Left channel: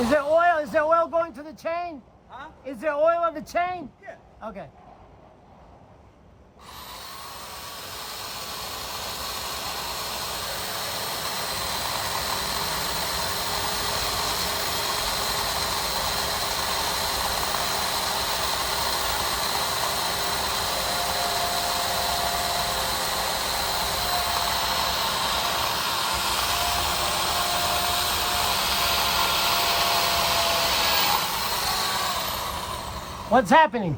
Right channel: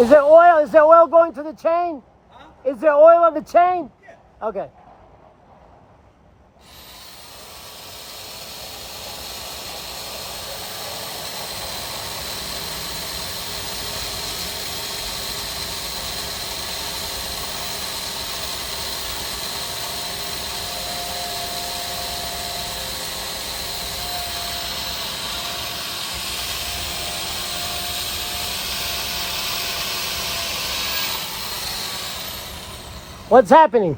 Is there oil? Is there oil going to the chain? Huh? Is there oil on the chain? Yeah. Okay. What's happening?